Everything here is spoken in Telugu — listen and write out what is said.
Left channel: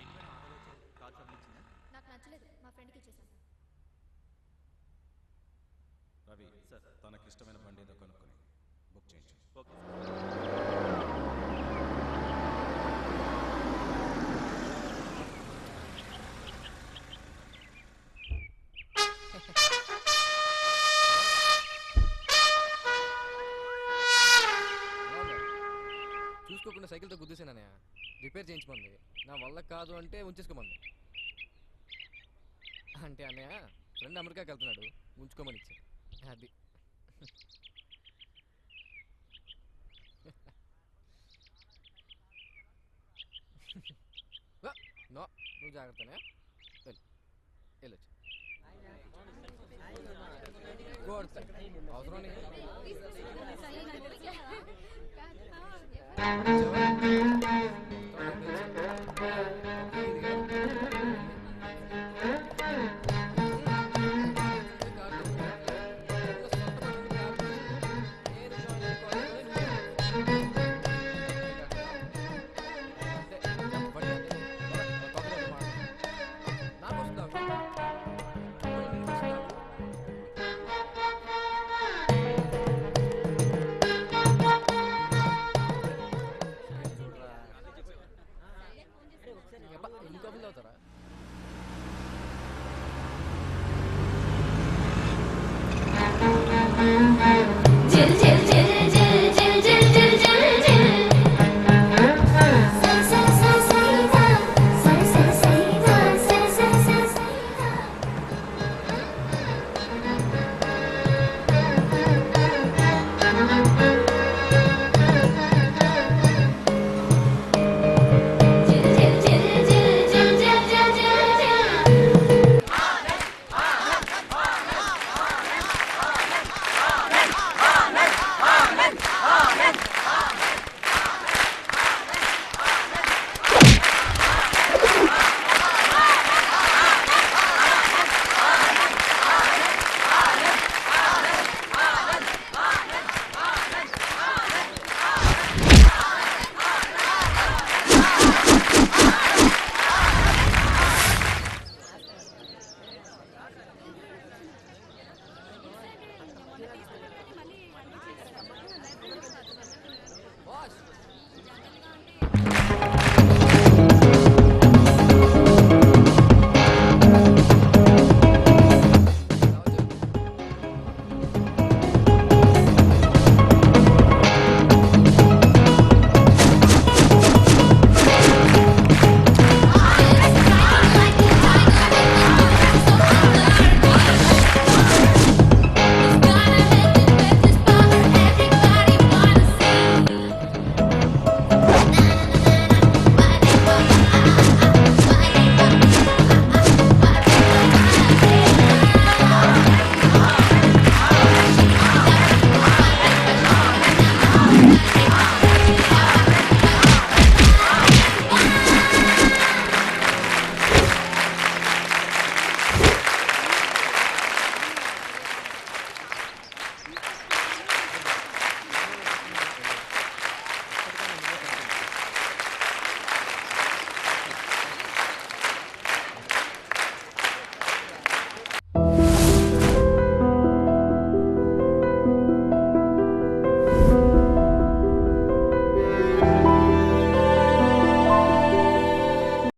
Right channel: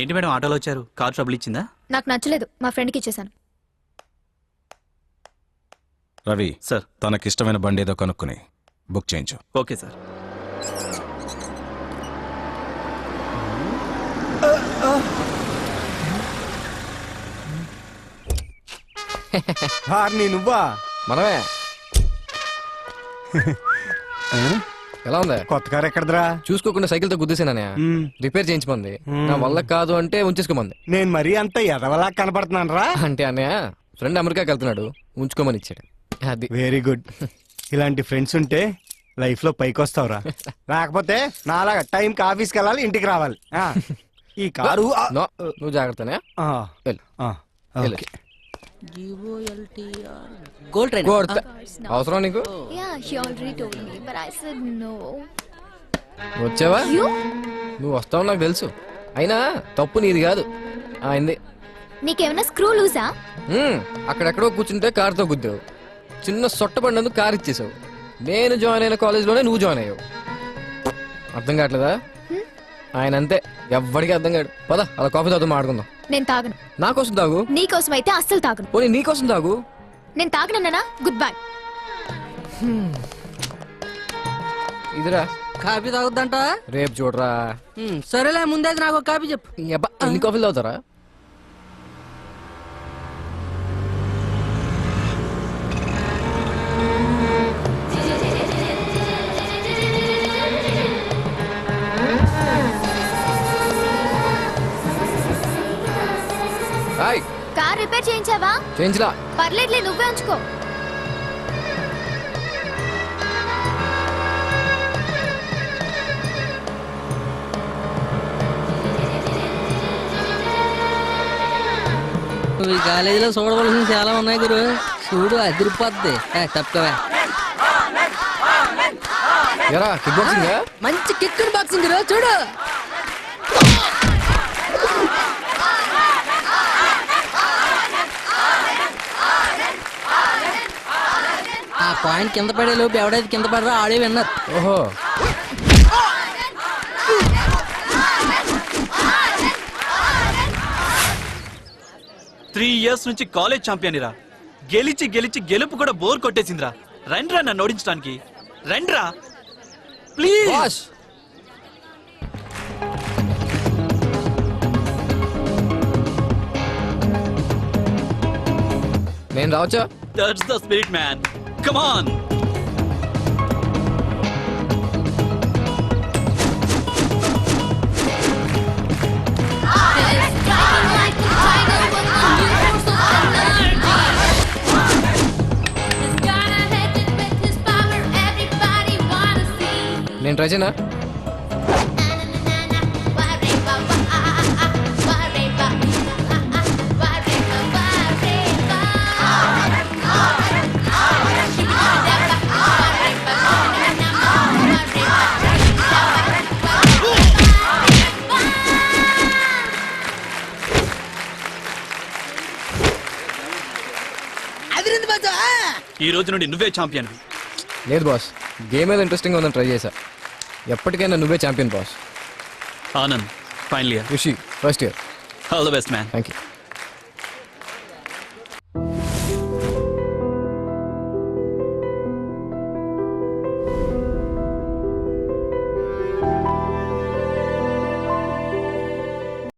ఏంటి మేడం ఆటోలో వచ్చారు? కార్ ట్రబుల్ ఇచ్చిందా? నాకు నచ్చలేదు, మా ఫ్రెండ్కి ఇచ్చేసాను. రవి సార్. తనకిష్టమైన బండి ఏదో కనుక్కుని బుక్ చేయించు. Okay sir. నువ్వా? మనమే. ఎలా ఉందా? కొత్త కారు ఎక్కడదరా? చూసుకోకుండా సైకిల్ తో గుద్దేసాననే రిపేర్ చేయించమంది. నా వల్ల కాదు అంటే ఉంచేసుకోమంది. నేను మరీ అంత ఎదవలా కనపడుతున్నాను రా? అంటే అన్నయ్య ఫ్రెండ్ అమెరికాకి వెళ్తున్నాడు, ఉంచుకోమని ఇచ్చాడు. అది వెరీ గుడ్. ఇలాంటి ఫ్రెండ్స్ ఉంటే లైఫ్ లో పైకి వస్తావురా. రాకపోతే నాలాగా టైంకి ఆఫీస్కి వెళ్ళాలి, ఇంటికి రావాలి. ఈ కారు నో, నువ్వు జాగ్రత్తనే. వెళ్ళు. ఓకే. అవసరం నీకు? Yeah, he already told me, but I said no. వచ్చావా? You? నువ్వు వస్తావు నాకు తెలుసు, అయినా తప్పు నీది కాదు, ఆయనది. నీకేమైనా స్క్రూ లూసా? అక్కడెక్కడో కూర్చుంటే కారుతో గుద్దావు, చిన్న సొట్ట పడినందుకు కారు ఇచ్చేసావు. నేను జాయిన్ అయిన కాలేజ్లోనే నువ్వు జాయిన్ అయ్యావు. అర్థం కావట్లేదా? ఆయన అంతే, ఎవ్వడికి అర్థం కాడు. పద అలా కాఫీ తాగుతూ మాట్లాడుకుందాం. నేను తాగను. నా కోసం తాగు. నీ కోసం అయితే అస్సలు తాగను. పోనీ నీ కోసం తాగు. నేను తాగనన్నా గుడ్ బై. ఇదిరా కాఫీ తాగుద్దంట. రేపు చూడరా. సరేలే, ముందే నాకు ఒక కాఫీ చెప్పు. ఎన్ని కాఫీలు తాగుతారా? కార్ రిపేర్ చేయించావా? చేయించలా. పర్లేదులే, నువ్వే ఉంచుకో. ఈ కాలేజీలో చూడవలసిన చాలా ఉన్నాయి గురు. చూడు అదిరిపోద్ది. తప్పవా? మంచి కిక్కింగ్ బాక్స్ ఉంది, చూడు. ఆ పాయింట్ కింద పడే లోపు ఎవడైతే కింద పడరా ఆడే విన్నారు. ఓహో, త్రీ ఇయర్స్ నుంచి కాలేజ్ ఛాంపియన్ రా. గెలిచి గెలిచి గెలుపు కూడా బోర్ కొట్టేసిందిరా. రండ్రా నన్ను ఓడించడానికి, రండ్రా ప్లీజ్. నేను రావచ్చా? That's the spirit man, come on. నేను ట్రై చేయనా? ఈ రోజు నుండి నువ్వే ఛాంపియన్. లేదు బాస్, గేమ్ ఏదో ఇంట్రెస్టింగ్ ఉందని ట్రై చేశా. ఎప్పటికైనా నువ్వే champion boss. Anand final year, Rishi first year. All the best man. Thank you.